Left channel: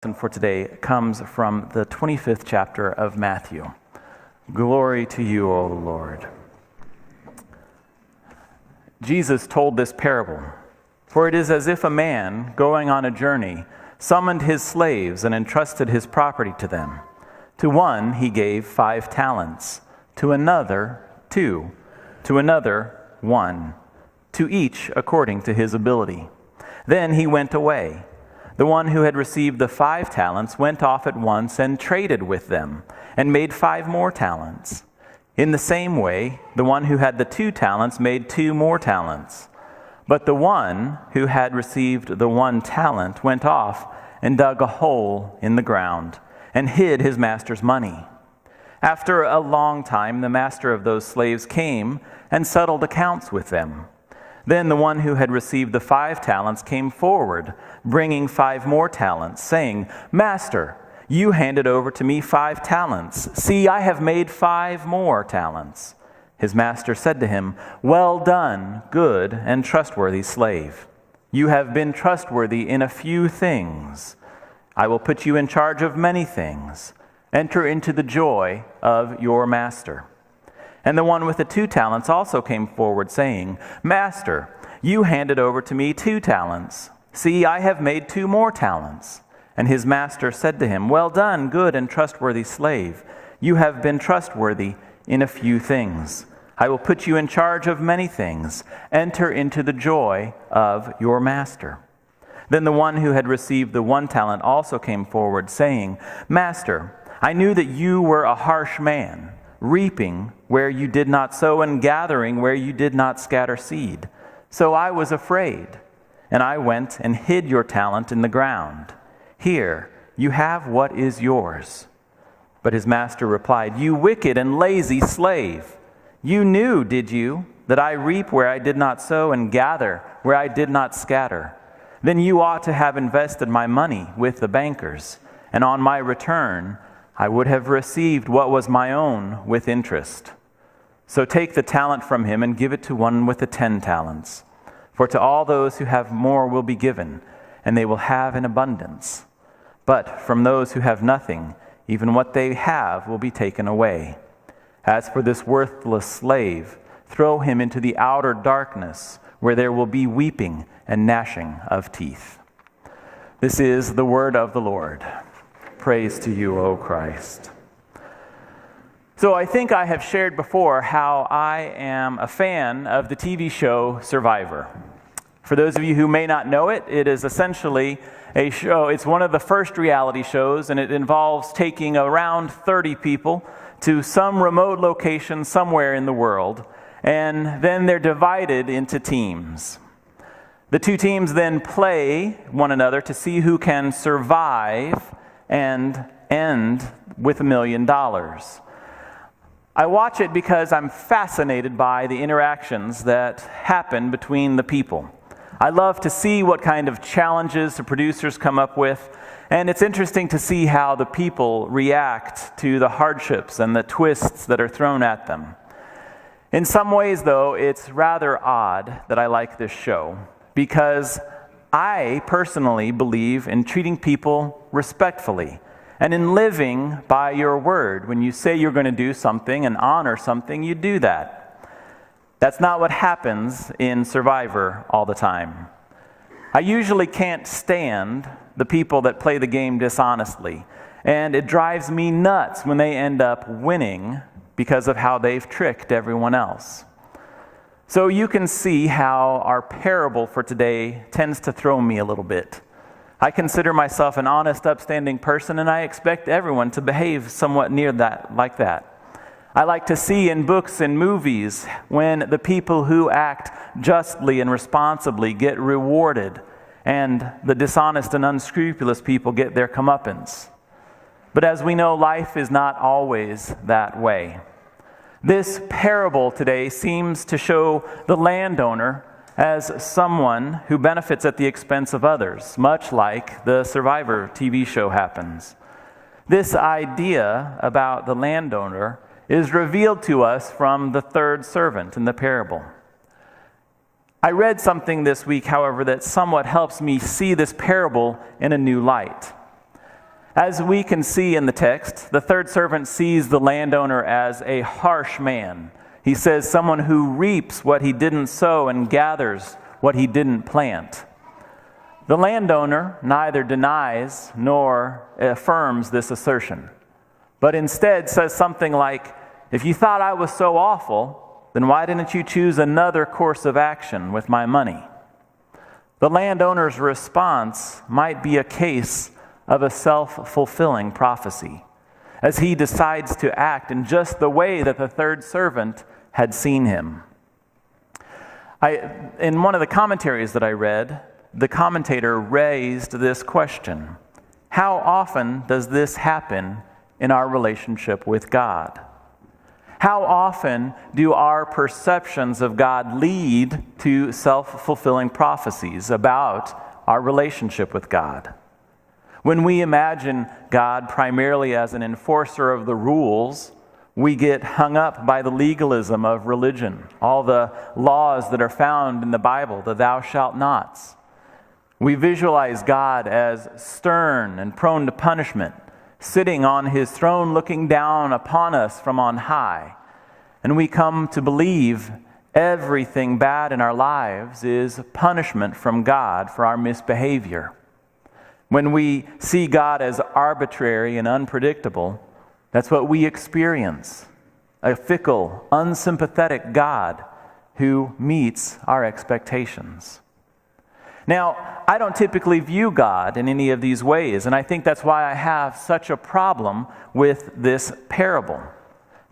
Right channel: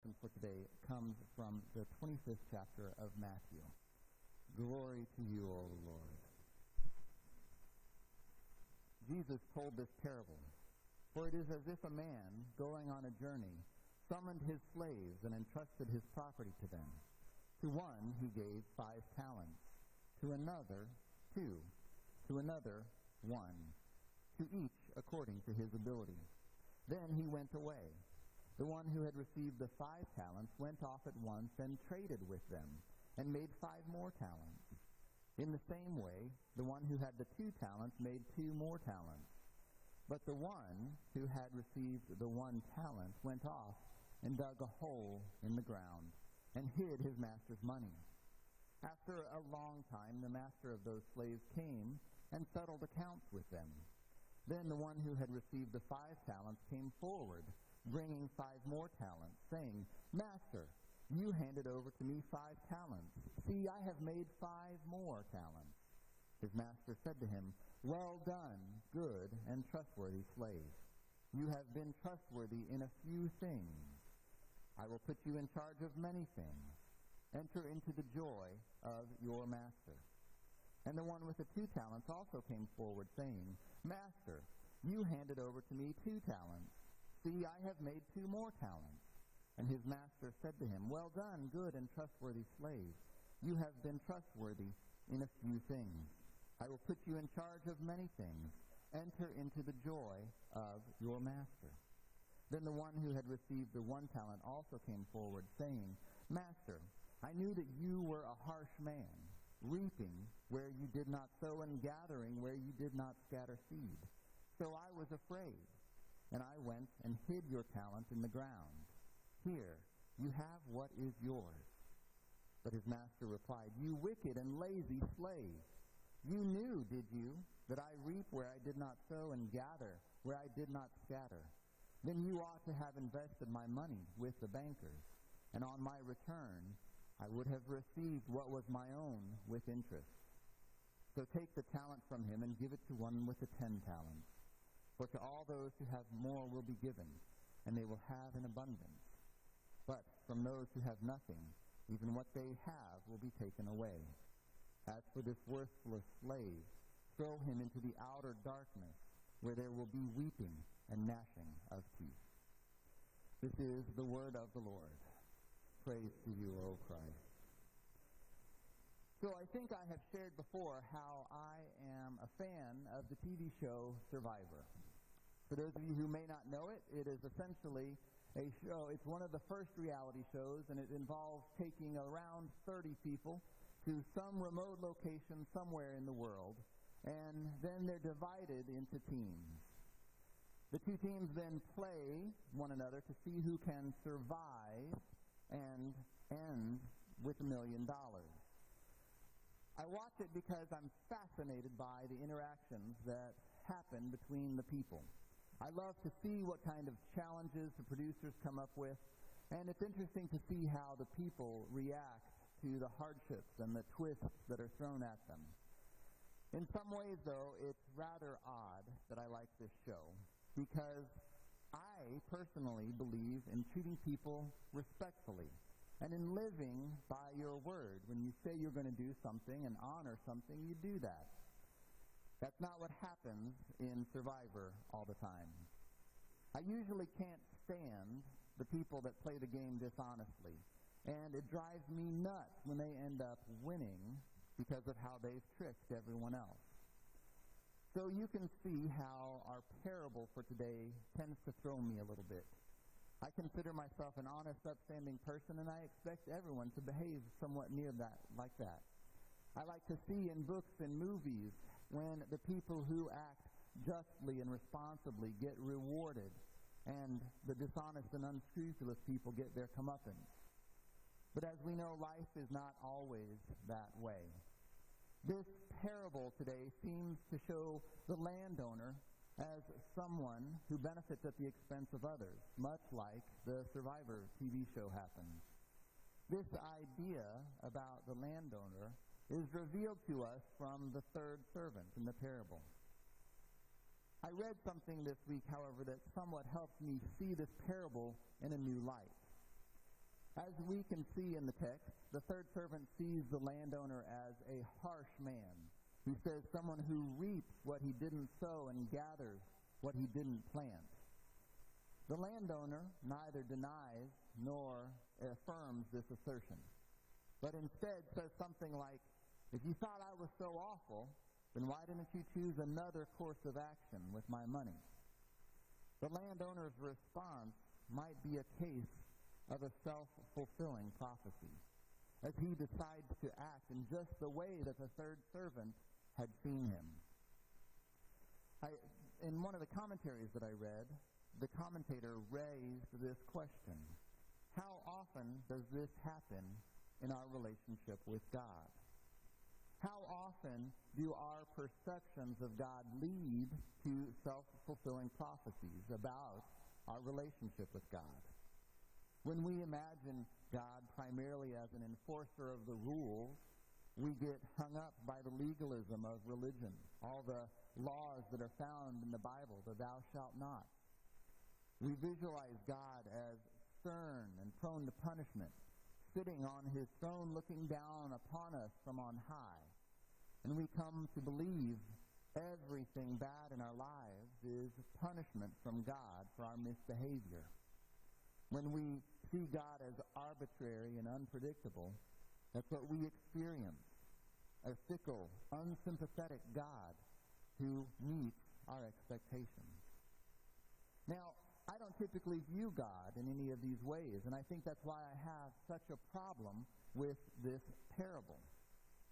lesson for today comes from the 25th chapter of Matthew. Glory to you, O Lord. Jesus told this parable, "For it is as if a man, going on a journey, summoned his slaves and entrusted his property to them. To one he gave 5 talents, to another 2, to another 1, to each according to his ability. Then he went away. The one who had received the 5 talents went off at once and traded with them, and made 5 more talents. In the same way, the one who had the 2 talents made 2 more talents. But the one who had received the 1 talent went off and dug a hole in the ground, and hid his master's money. After a long time, the master of those slaves came and settled accounts with them. Then the one who had received the 5 talents came forward, bringing 5 more talents, saying, 'Master, you handed over to me 5 talents. See, I have made 5 more talents.' His master said to him, 'Well done, good and trustworthy slave. You have been trustworthy in a few things. I will put you in charge of many things. Enter into the joy of your master.' And the one with the 2 talents also came forward, saying, 'Master, you handed over to me 2 talents. See, I have made 2 more talents.' And his master said to him, 'Well done, good and trustworthy slave. You have been trustworthy in a few things. I will put you in charge of many things. Enter into the joy of your master.' Then the one who had received the 1 talent also came forward, saying, 'Master, I knew that you were a harsh man, reaping where you did not sow and gathering where you did not scatter seed. So I was afraid, and I went and hid your talent in the ground. Here, you have what is yours.' But his master replied, 'You wicked and lazy slave. You knew, did you, that I reap where I did not sow and gather where I did not scatter? Then you ought to have invested my money with the bankers, and on my return I would have received what was my own with interest. So take the talent from him and give it to one with the 10 talents. For to all those who have more will be given, and they will have in abundance. But from those who have nothing, even what they have will be taken away. As for this worthless slave, throw him into the outer darkness, where there will be weeping and gnashing of teeth.'" This is the word of the Lord. Praise to you, O Christ. So I think I have shared before how I am a fan of the TV show Survivor. For those of you who may not know it, it is essentially a show. It's one of the first reality shows, and it involves taking around 30 people to some remote location somewhere in the world, and then they're divided into teams. The 2 teams then play one another to see who can survive and end with $1 million. I watch it because I'm fascinated by the interactions that happen between the people. I love to see what kind of challenges the producers come up with, and it's interesting to see how the people react to the hardships and the twists that are thrown at them. In some ways, though, it's rather odd that I like this show, because I personally believe in treating people respectfully and in living by your word. When you say you're going to do something and honor something, you do that. That's not what happens in Survivor all the time. I usually can't stand the people that play the game dishonestly, and it drives me nuts when they end up winning because of how they've tricked everyone else. So you can see how our parable for today tends to throw me a little bit. I consider myself an honest, upstanding person, and I expect everyone to behave somewhat near that, like that. I like to see in books and movies when the people who act justly and responsibly get rewarded, and the dishonest and unscrupulous people get their comeuppance. But as we know, life is not always that way. This parable today seems to show the landowner as someone who benefits at the expense of others, much like the Survivor TV show happens. This idea about the landowner is revealed to us from the 3rd servant in the parable. I read something this week, however, that somewhat helps me see this parable in a new light. As we can see in the text, the third servant sees the landowner as a harsh man. He says someone who reaps what he didn't sow and gathers what he didn't plant. The landowner neither denies nor affirms this assertion, but instead says something like, "If you thought I was so awful, then why didn't you choose another course of action with my money?" The landowner's response might be a case of a self-fulfilling prophecy, as he decides to act in just the way that the third servant had seen him. In one of the commentaries that I read, the commentator raised this question: how often does this happen in our relationship with God? How often do our perceptions of God lead to self-fulfilling prophecies about our relationship with God? When we imagine God primarily as an enforcer of the rules, we get hung up by the legalism of religion, all the laws that are found in the Bible, the thou shalt nots. We visualize God as stern and prone to punishment, sitting on his throne looking down upon us from on high. And we come to believe everything bad in our lives is punishment from God for our misbehavior. When we see God as arbitrary and unpredictable, that's what we experience: a fickle, unsympathetic God who meets our expectations. Now, I don't typically view God in any of these ways, and I think that's why I have such a problem with this parable.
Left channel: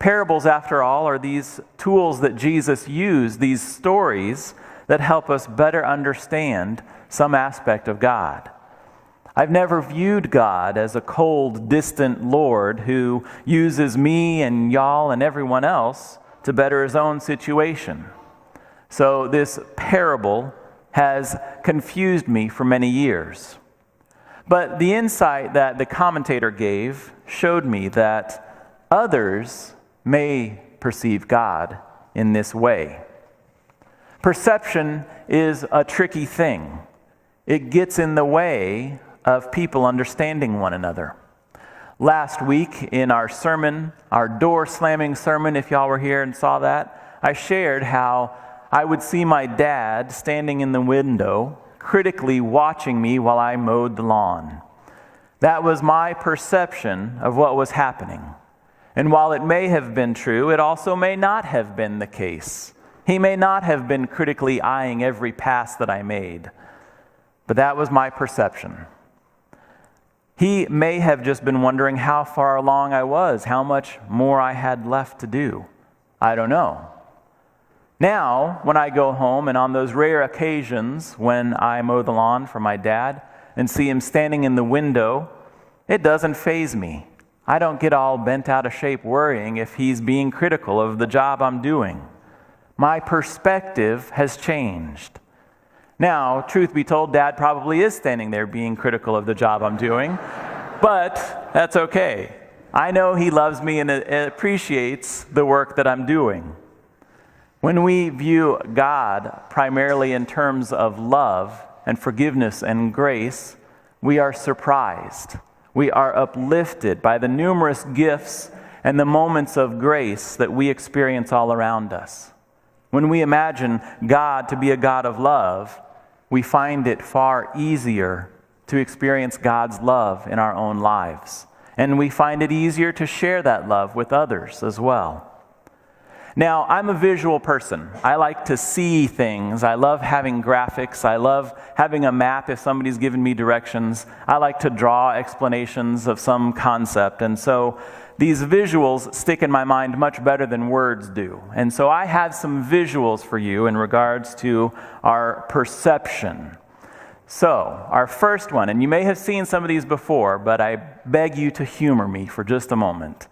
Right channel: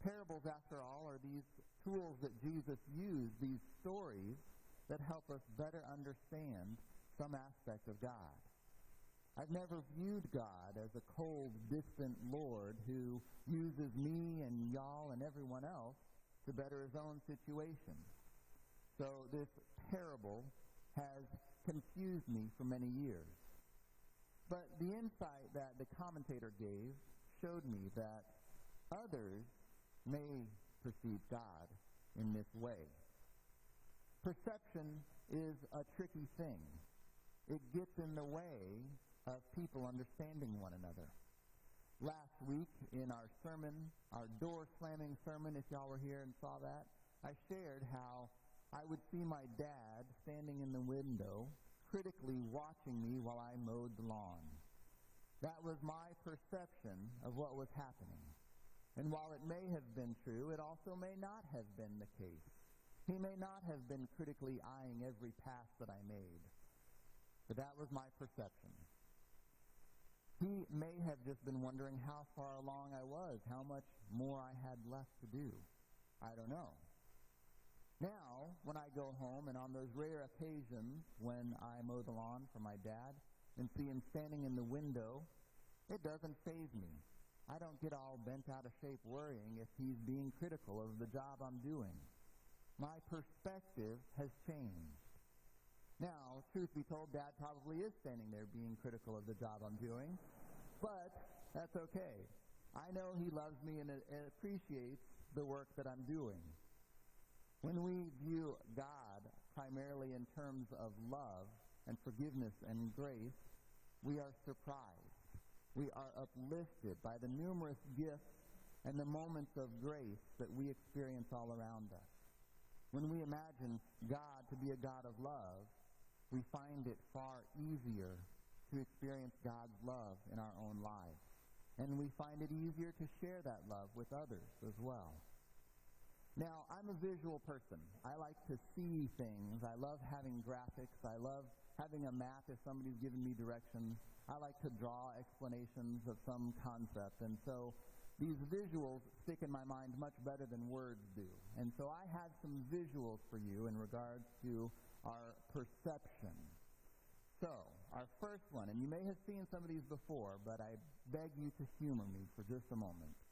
Parables, after all, are these tools that Jesus used, these stories that help us better understand some aspect of God. I've never viewed God as a cold, distant Lord who uses me and y'all and everyone else to better his own situation. So this parable has confused me for many years. But the insight that the commentator gave showed me that others may perceive God in this way. Perception is a tricky thing. It gets in the way of people understanding one another. Last week in our sermon, our door-slamming sermon, if y'all were here and saw that, I shared how I would see my dad standing in the window, critically watching me while I mowed the lawn. That was my perception of what was happening. And while it may have been true, it also may not have been the case. He may not have been critically eyeing every pass that I made. But that was my perception. He may have just been wondering how far along I was, how much more I had left to do. I don't know. Now, when I go home, and on those rare occasions when I mow the lawn for my dad and see him standing in the window, it doesn't faze me. I don't get all bent out of shape worrying if he's being critical of the job I'm doing. My perspective has changed. Now, truth be told, Dad probably is standing there being critical of the job I'm doing, but that's okay. I know he loves me and appreciates the work that I'm doing. When we view God primarily in terms of love and forgiveness and grace, we are surprised. We are uplifted by the numerous gifts and the moments of grace that we experience all around us. When we imagine God to be a God of love, we find it far easier to experience God's love in our own lives. And we find it easier to share that love with others as well. Now, I'm a visual person. I like to see things. I love having graphics. I love having a map if somebody's given me directions. I like to draw explanations of some concept. And so these visuals stick in my mind much better than words do. And so I have some visuals for you in regards to our perception. So, our first one, and you may have seen some of these before, but I beg you to humor me for just a moment.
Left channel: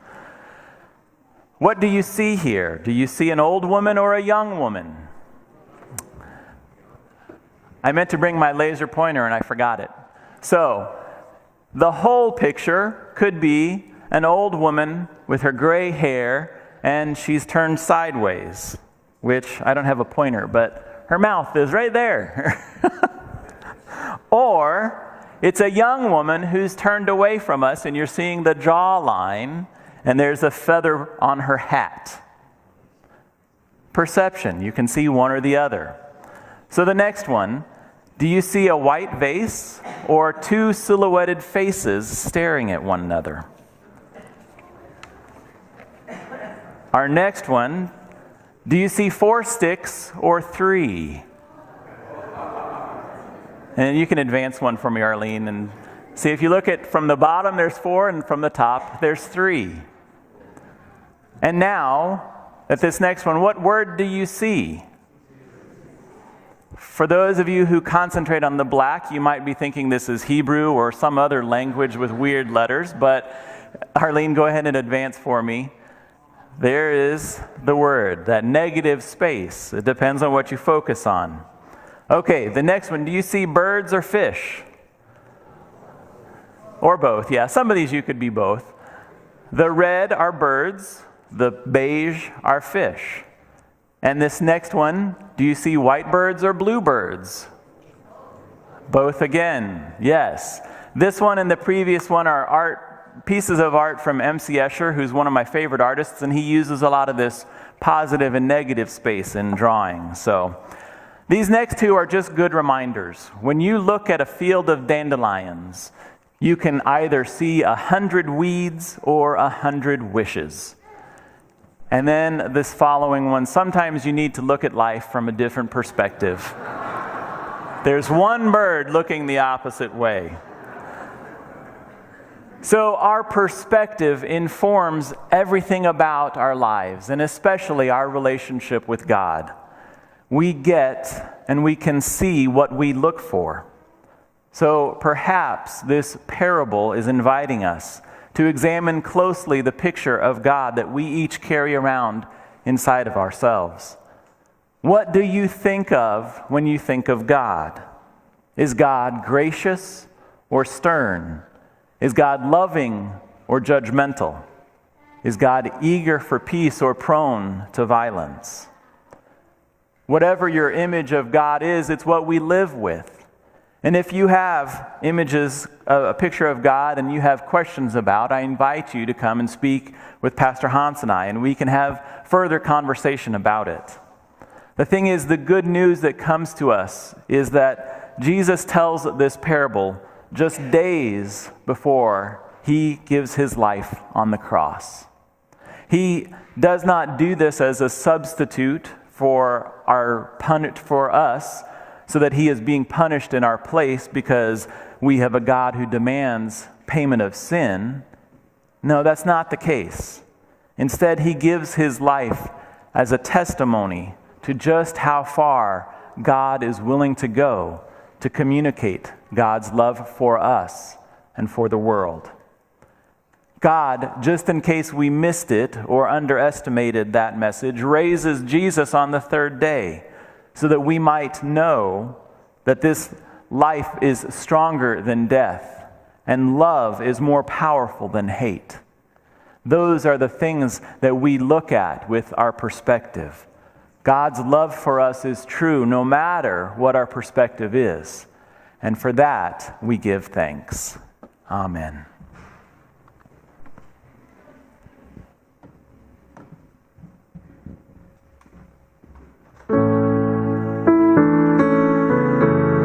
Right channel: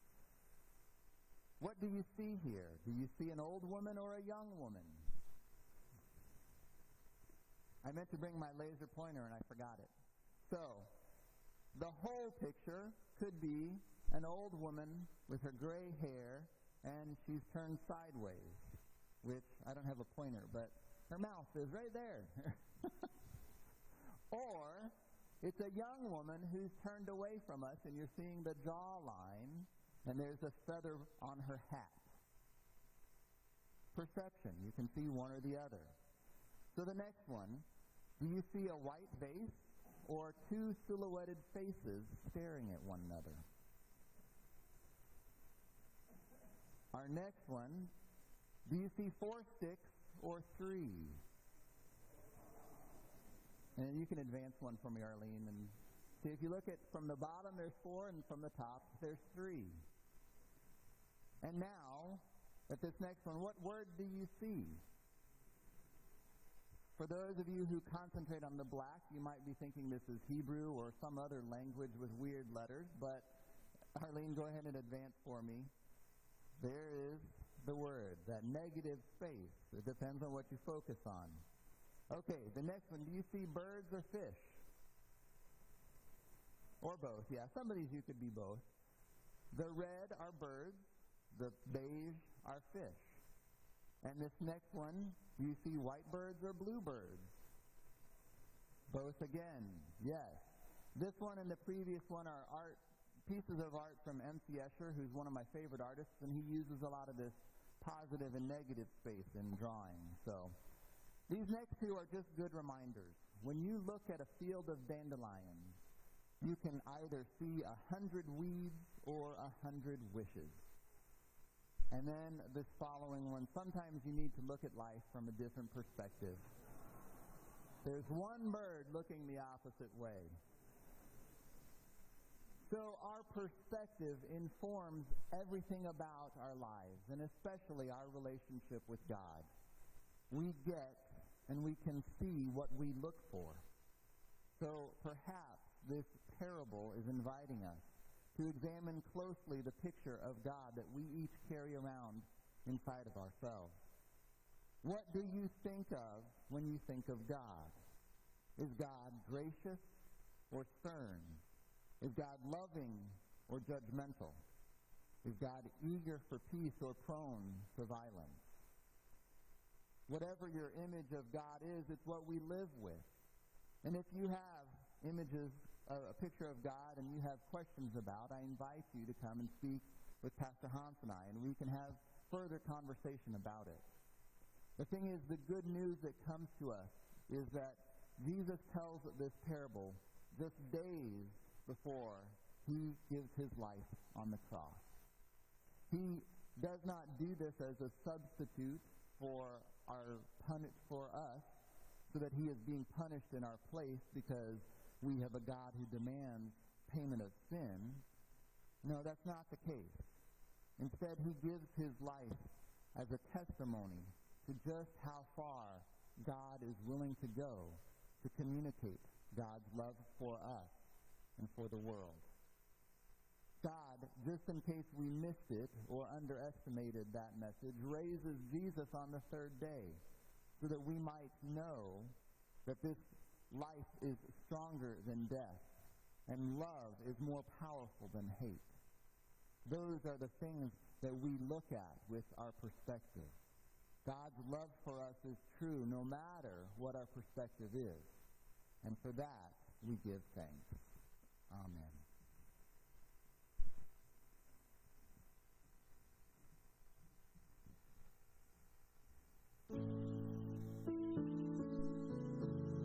What do you see here? Do you see an old woman or a young woman? I meant to bring my laser pointer and I forgot it. So, the whole picture could be an old woman with her gray hair and she's turned sideways, which I don't have a pointer, but her mouth is right there. Or It's a young woman who's turned away from us, and you're seeing the jawline, and there's a feather on her hat. Perception, you can see one or the other. So the next one, do you see a white vase or two silhouetted faces staring at one another? Our next one, do you see 4 sticks or 3? And you can advance one for me, Arlene, and see if you look at from the bottom there's 4 and from the top there's 3. And now, at this next one, what word do you see? For those of you who concentrate on the black, you might be thinking this is Hebrew or some other language with weird letters, but Arlene, go ahead and advance for me. There is the word, that negative space. It depends on what you focus on. Okay, the next one, do you see birds or fish? Or both, yeah. Some of these you could be both. The red are birds, the beige are fish. And this next one, do you see white birds or blue birds? Both again, yes. This one and the previous one are pieces of art from M.C. Escher, who's one of my favorite artists, and he uses a lot of this positive and negative space in drawing. So these next two are just good reminders. When you look at a field of dandelions, you can either see 100 weeds or 100 wishes. And then this following one, sometimes you need to look at life from a different perspective. There's one bird looking the opposite way. So our perspective informs everything about our lives, and especially our relationship with God. We get and we can see what we look for. So perhaps this parable is inviting us to examine closely the picture of God that we each carry around inside of ourselves. What do you think of when you think of God? Is God gracious or stern? Is God loving or judgmental? Is God eager for peace or prone to violence? Whatever your image of God is, it's what we live with. And if you have images, a picture of God, and you have questions about, I invite you to come and speak with Pastor Hans and I, and we can have further conversation about it. The thing is, the good news that comes to us is that Jesus tells this parable just days before he gives his life on the cross. He does not do this as a substitute for us, so that he is being punished in our place because we have a God who demands payment of sin. No, that's not the case. Instead, he gives his life as a testimony to just how far God is willing to go to communicate God's love for us and for the world. God, just in case we missed it or underestimated that message, raises Jesus on the 3rd day so that we might know that this life is stronger than death and love is more powerful than hate. Those are the things that we look at with our perspective. God's love for us is true no matter what our perspective is. And for that, we give thanks. Amen.